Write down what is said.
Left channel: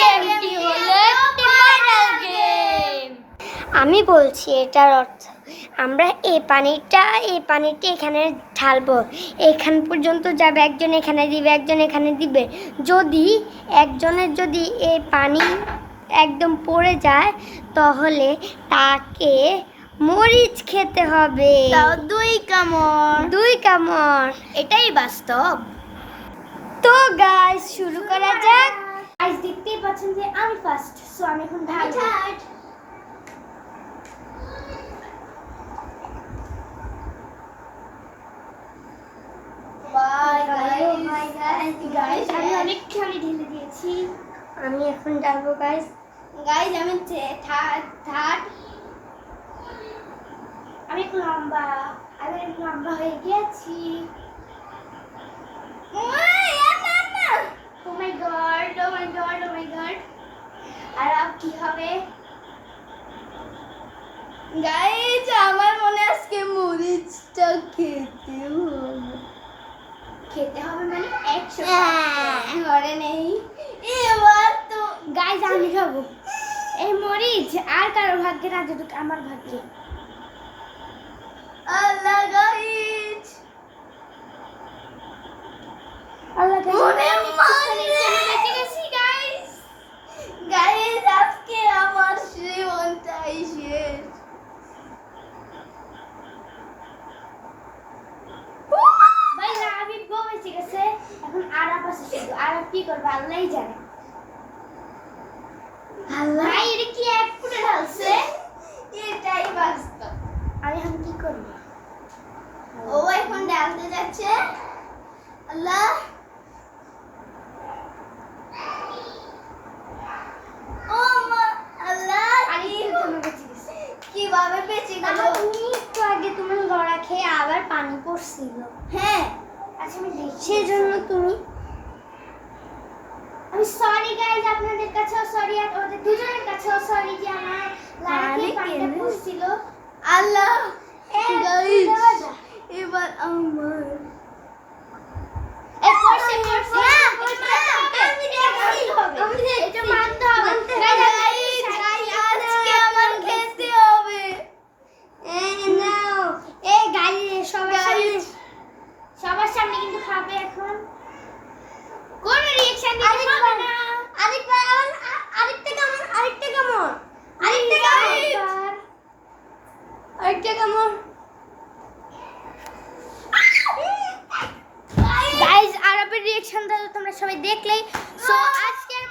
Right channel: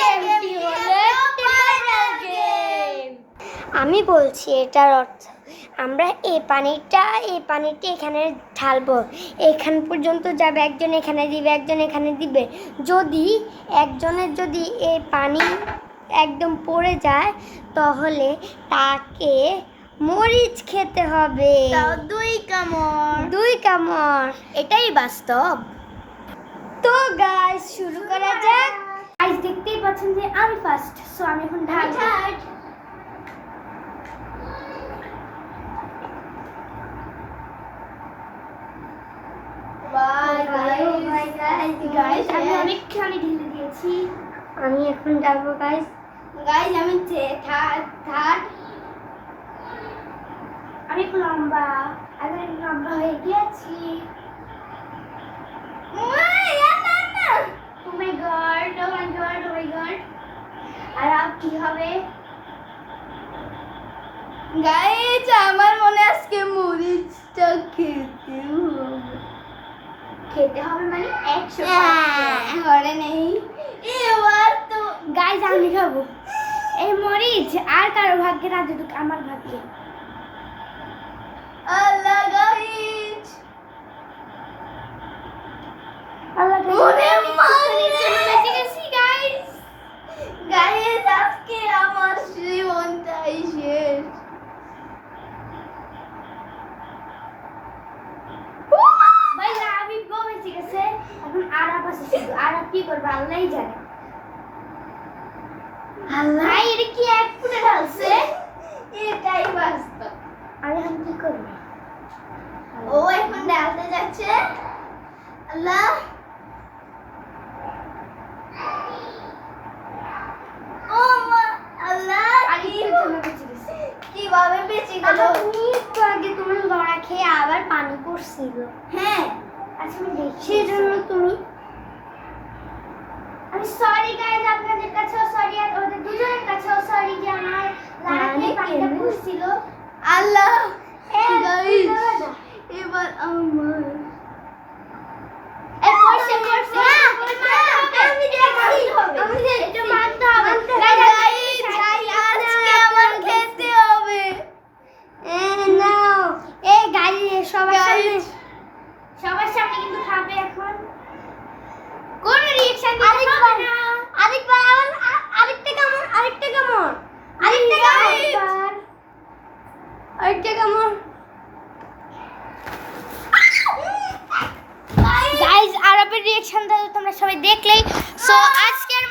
গেমটি হলো একটি ভাইরাল গেম। আমি বলছি এটার অর্থ, আমরা এই পানিটা এখানে ঢালবো, এখান পর্যন্ত যাবে, একজন এখানে দিবে, একজন এখানে দিবে। যদি একজনের যদি এই পানি একদম পড়ে যায় তাহলে তাকে মরিচ খেতে হবে, 2 কামড়। এটাই বাস্তব। তো গাইস শুরু করা যাক। গাইস দেখতেই পাচ্ছেন যে আমি ফার্স্ট, সো আমি এখন ঢালবো। গাইস আমি অনেকখানি ঢেলে দিয়েছি। আমি এখন ঢালবো গাইস। গাইস আমি থার্ড। আমি একটু লম্বা হয়ে গেছি। ও মাই গড। আর আপ কি হবে? গাইস আমার মনে আজকে মরিচটা খেতে হবে মানে 100 ঘরে নেই। এবার তো গাইস আমি খাবো এই মরিচ, আর কারো ভাগ্যে না যেটুকু আমার ভাগ্যে। আল্লাহ গাইস, গাইস আজকে আমার জীবনটাই শেষ। ভাই আমি বেঁচে গেছে, এখন আরাপ আছে শুধু। আরাপ কি করবে আল্লাহই জানে। আল্লাহ এটা কি এক ফুটে ঢালছে? এটাই বাস্তব। আমি এখন কি করব? ও এখন ঢালতে যাচ্ছে। আল্লাহ ও মা, আল্লাহ কিভাবে বেঁচে গেল? একটু আগে তুমি লড়া খেয়ে আবার পানি পড়ছিল। হ্যাঁ আচ্ছা আমি দেখছি। সেই জন্য তুমি আমি সরি গাইস, আপনাদের কাছেও সরি, আর ওদের দুজনের কাছেও সরি যে আমার লাইফে পানিটা পড়ছিল। আল্লাহ গাইস এবার আমার সবার সামনে কিন্তু খাবে এখন। কোন রিঅ্যাকশন দিতে হবে না। আরেকটা কামড়। গাইস আরবের রিঅ্যাকশন তোমরা সবাই দেখলেই। সো আজকের